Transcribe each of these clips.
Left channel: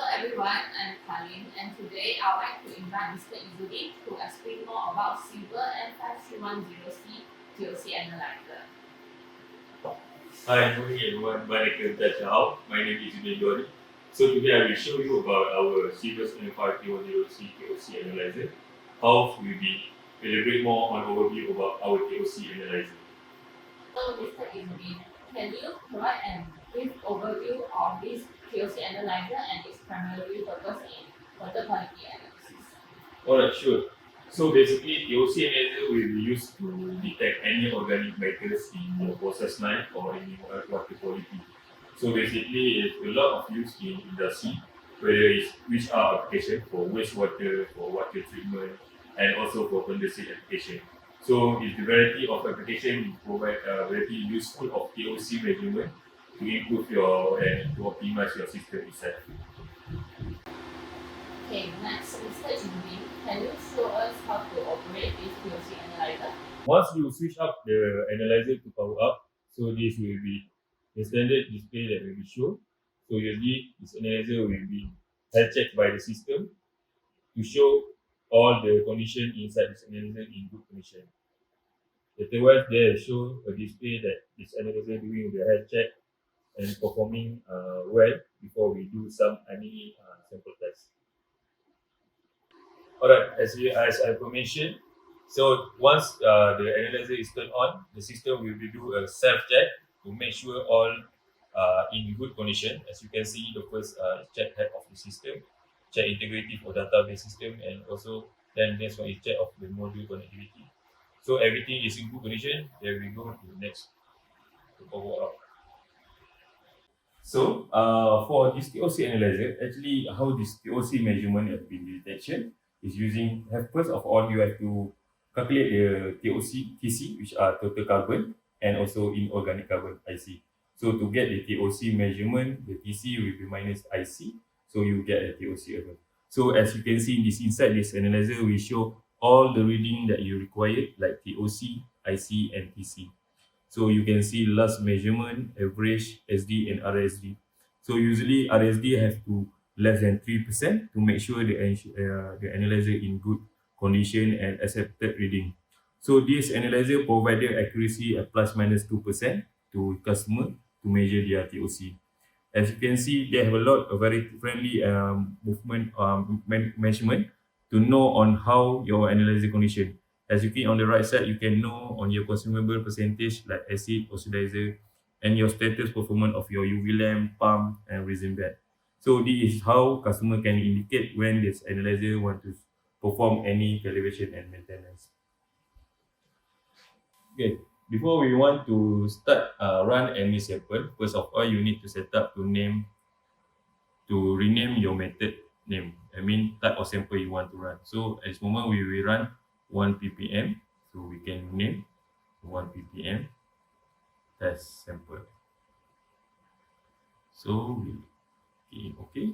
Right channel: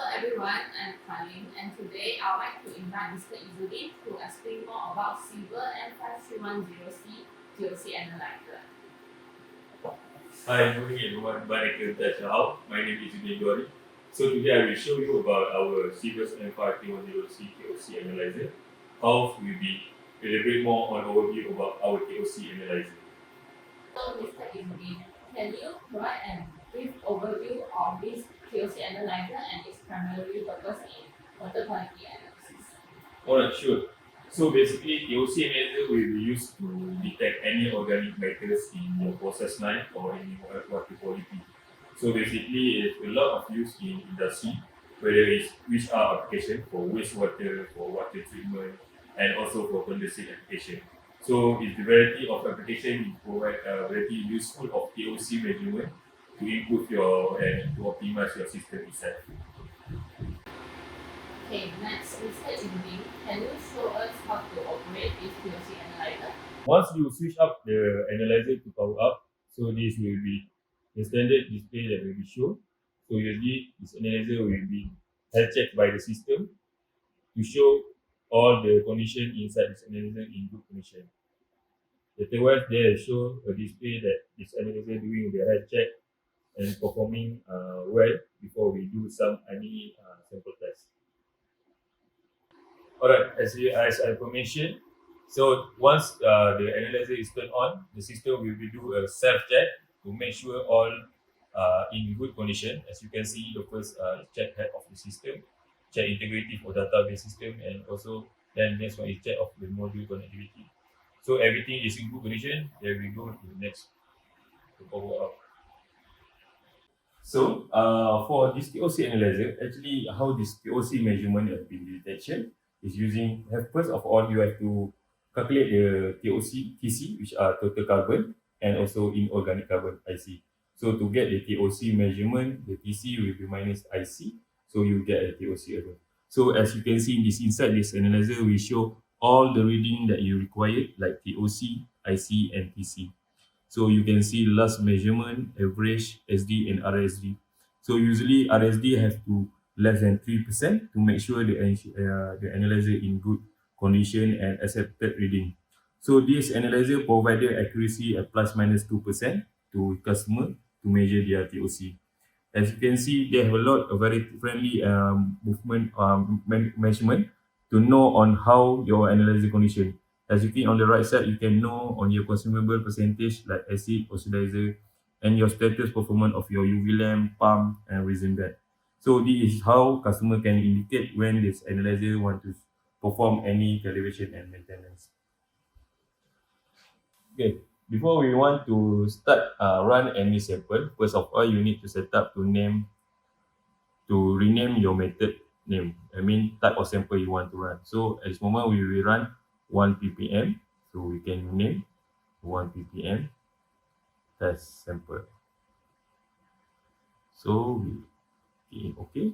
Hello everyone, I'm Colin, and today I'd like to invite Mr. Izzuddin to explain more about Silver M5310 C TOC analyzer. Hi, morning everyone. My name is Izzuddin. So today I will show you about our Sirius M5310 C TOC analyzer. How we will elaborate more on overview about our TOC analyzer. So Mr. Izzuddin, can you provide a brief overview of this TOC analyzer and its primary purpose in water quality analysis? Alright, sure. So basically, TOC analyzer will be used to detect any organic matters in your process line or in your water quality. So basically, it's a lot of use in industry, whether it's which are application for wastewater, for water treatment, and also for condensate application. So it's the variety of application provide a very useful of TOC measurement to improve your and to optimize your system itself. Okay, next, Mr. Izzuddin, can you show us how to operate this TOC analyzer? Once you switch up the analyzer to power up, so this will be the standard display that will be shown. So usually this analyzer will be health checked by the system to show all the condition inside this analyzer in good condition. Afterwards, they show a display that this analyzer doing the health check and performing well before we do any sample test. Alright, as I mentioned, so once the analyzer is turned on, the system will do a self check to make sure all in good condition. As you can see, the first check head of the system, check integrity for database system, and also then next one is check of the module connectivity. So everything is in good condition. Then we go to the next to power up. So for this TOC analyzer, actually how this TOC measurement has been detection is using, first of all, you have to calculate the TOC, TC, which are total carbon, and also inorganic carbon, IC. So to get the TOC measurement, the TC will be minus IC, so you get a TOC error. So as you can see, inside this analyzer, we show all the reading that you required, like TOC, IC, and TC. So you can see last measurement, average, SD, and RSD. So usually RSD have to less than 3% to make sure the analyzer in good condition and accepted reading. So this analyzer provided accuracy at plus minus 2% to customer to measure their TOC. As you can see, they have a lot of very friendly movement measurement to know on how your analyzer condition. As you can on the right side, you can know on your consumable percentage like acid, oxidizer, and your status performance of your UV lamp, pump, and resin bed. So this is how customer can indicate when this analyzer want to perform any calibration and maintenance. Okay, before we want to start run any sample, first of all, you need to set up to rename your method name. I mean type of sample you want to run. So at this moment we will run 1 ppm. So we can name 1 ppm test sample. So we okay.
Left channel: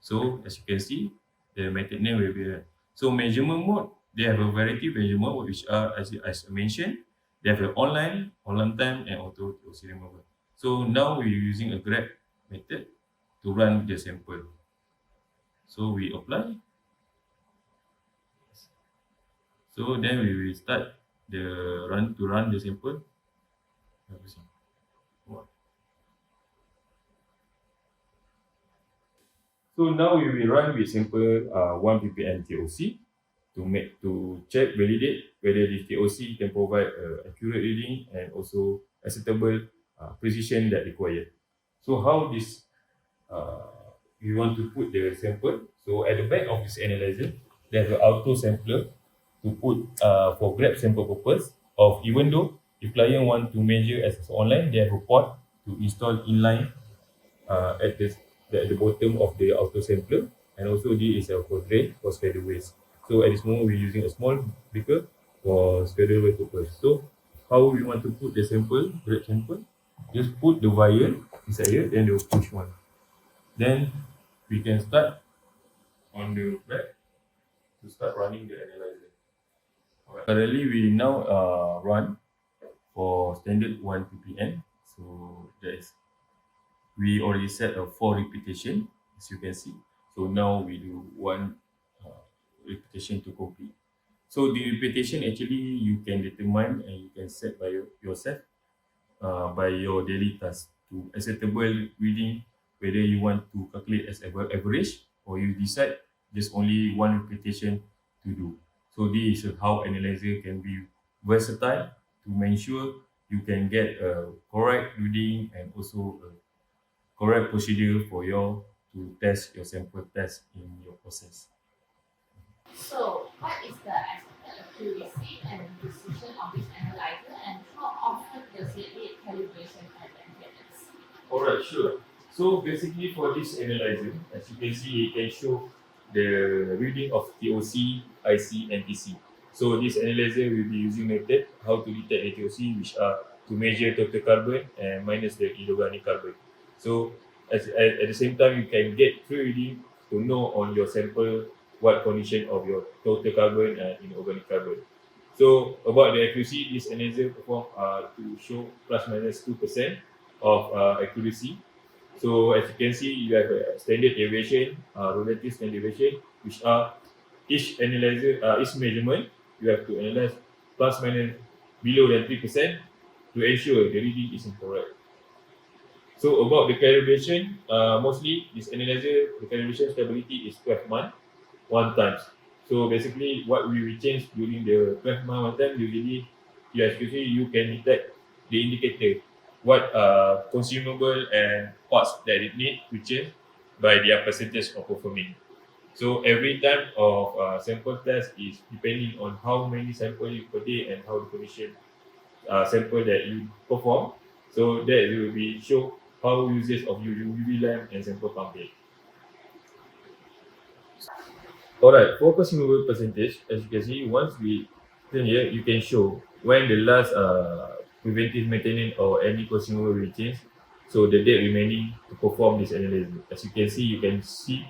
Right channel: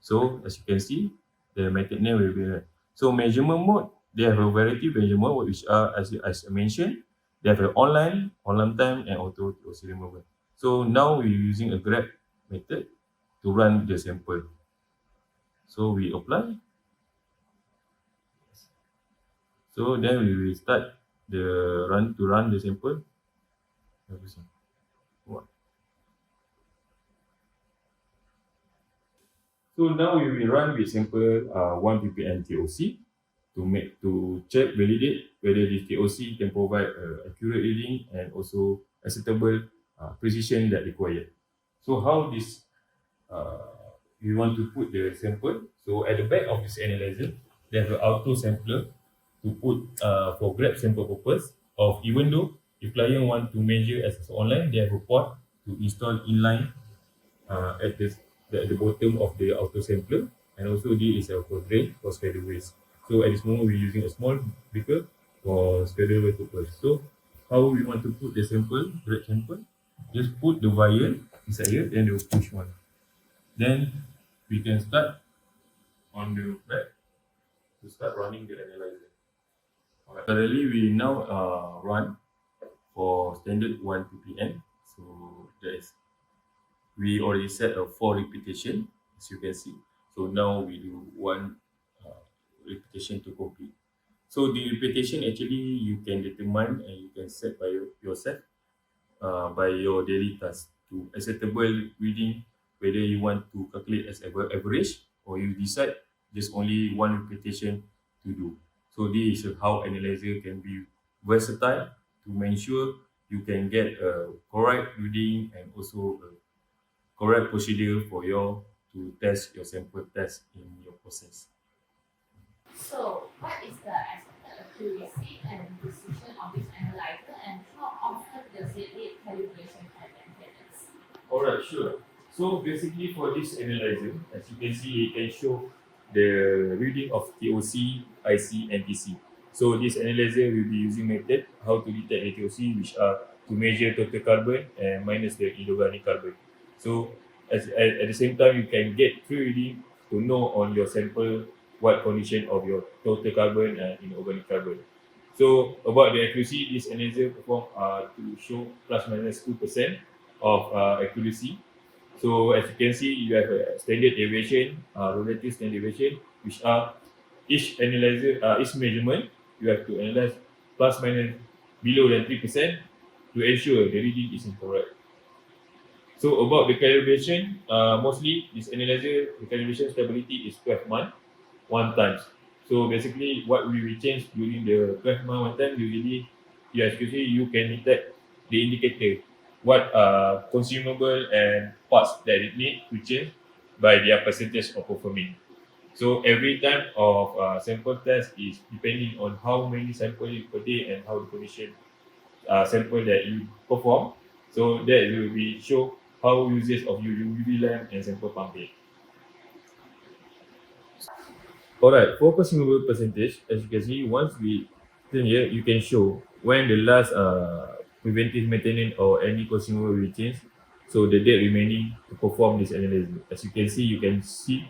So as you can see, the method name will be there. So measurement mode, they have a variety of measurement mode which are as I mentioned, they have an online, on time, and auto serial mode. So now we're using a grab method to run the sample. So we apply. So then we will start the run the sample. So now we will run with sample 1 ppm TOC to check, validate whether this TOC can provide accurate reading and also acceptable precision that required. So how this we want to put the sample. So at the back of this analyzer, there's an auto sampler to put for grab sample purpose. Of even though if client want to measure as online, they have a port to install inline at the bottom of the auto sampler, and also this is for drain for schedule waste. So at this moment we're using a small beaker for schedule waste purpose. So how we want to put the sample, grab sample, just put the wire inside here, then they'll push one. Then we can start on the back to start running the analyzer. Alright. Currently we now run for standard 1 ppm. So we already set a 4 repetition, as you can see. So now we do one repetition to complete. So the repetition actually you can determine and you can set by yourself by your daily task to acceptable reading, whether you want to calculate as average or you decide just only one repetition to do. So this is how analyzer can be versatile to make sure you can get a correct reading and also a correct procedure for your to test your sample test in your process. So, what is the expected accuracy and precision of this analyzer, and how often does it need calibration and maintenance? Alright, sure. So basically for this analyzer, as you can see, it can show the reading of TOC, IC, and TC. So this analyzer will be using method how to detect the TOC, which are to measure total carbon and minus the inorganic carbon. So at the same time, you can get free reading to know on your sample what condition of your total carbon and inorganic carbon. So about the accuracy, this analyzer perform to show plus minus 2% of accuracy. So as you can see, you have a standard deviation, relative standard deviation, which are each analyzer, each measurement, you have to analyze plus minus below than 3% to ensure the reading is incorrect. So about the calibration, mostly this analyzer, the calibration stability is 12 months, one times. So basically, what we will change during the 12-month one time, usually, especially you can detect the indicator, what consumable and parts that it need to change by their percentage of performing. So every time of sample test is depending on how many samples you per day and how the condition sample that you perform. So that will be show how usage of your UV lamp and sample pumping. Alright, for consumable percentage, as you can see, once we turn here, you can show when the last preventive maintenance or any consumable will change. So the date remaining to perform this analysis. As you can see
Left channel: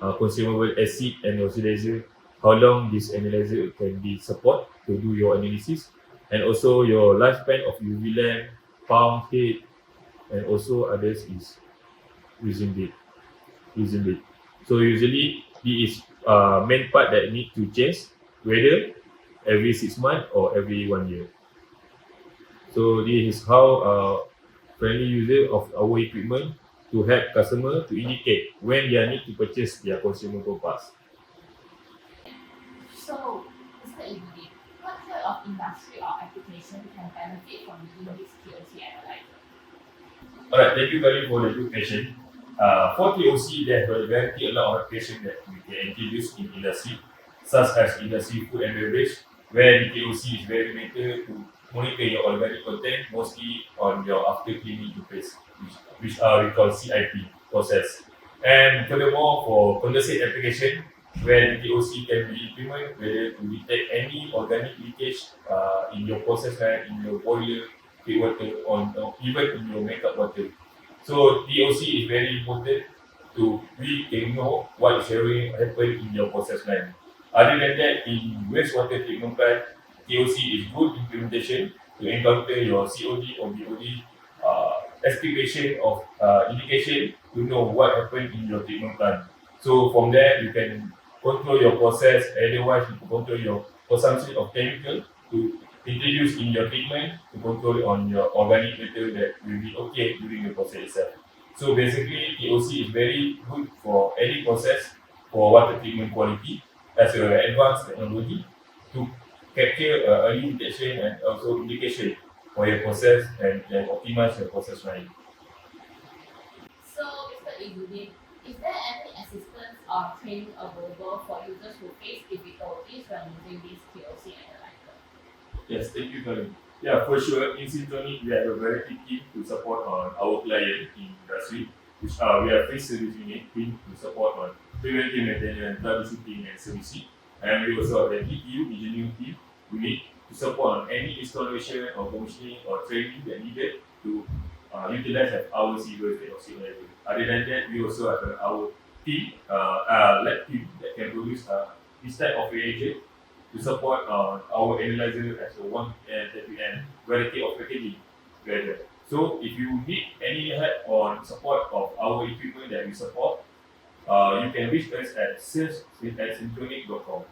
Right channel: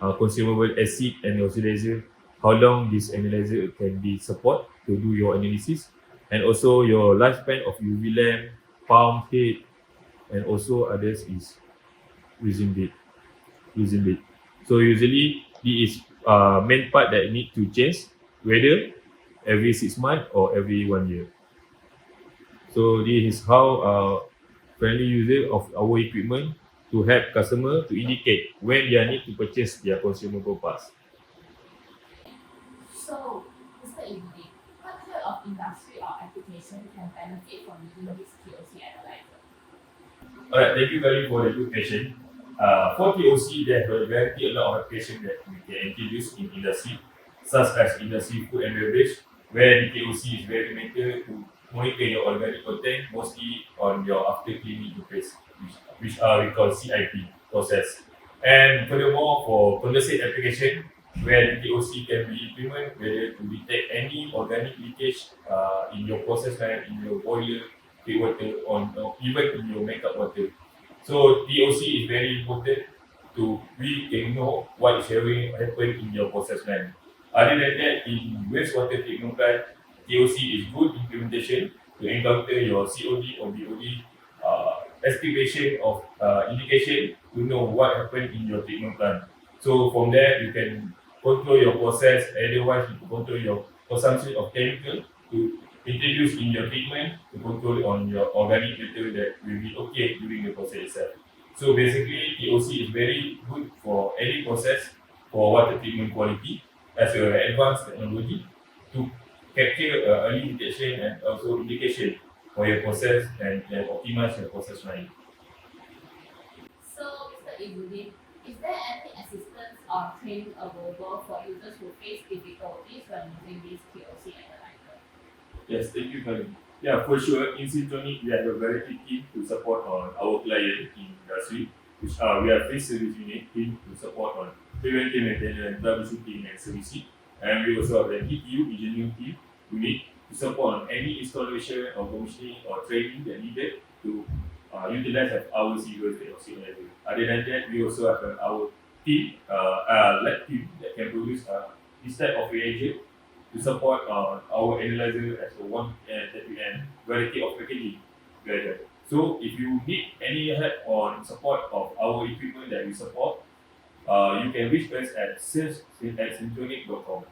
consumable acid and oxidizer, how long this analyzer can be support to do your analysis, and also your lifespan of UV lamp, pump head, and also others is using date. So usually it is main part that need to change, whether every 6 months or every 1 year. So this is how friendly user of our equipment to help customer to indicate when they need to purchase their consumable parts. So, Mr. Ibudi, what type of industry or application can benefit from using this TOC analyzer? Alright, thank you very for the good question. For TOC, there are a lot of applications that we can introduce in industry, such as industry food and beverage, where the TOC is very matter to monitor your organic content, mostly on your after cleaning interface, which we call CIP process. And furthermore, for condensate application, where the TOC can be implemented, whether to detect any organic leakage in your process line, in your boiler, heat water, or even in your makeup water. So TOC is very important to we can know what is happening in your process line. Other than that, in wastewater treatment plant, TOC is good implementation to encounter your COD or BOD estimation of indication to know what happened in your treatment plant. So from there, you can control your process, otherwise you can control your consumption of chemical to introduce in your treatment to control on your organic matter that will be okay during the process itself. So basically, TOC is very good for any process for water treatment quality as an advanced technology to capture early detection and also indication for your process and optimize your process line. So, Mr. Ibudi, is there any assistance or training available for users who face difficulties when using this TOC analyzer? Yes, thank you, Karim. Yeah, for sure. In Syntonic, we have a very big team to support on our client in industry, which we have free service unit team to support on preventive maintenance, troubleshooting, and servicing. And we also have the DPU engineering team unit to support on any installation or commissioning or training that needed to utilize our civil TOC analyzer. Other than that, we also have our team, lab team that can produce this type of reagent to support our analyzer as a one and variety of packaging together. So if you need any help on support of our equipment that we support, You can reach us at sales@synchronic.com.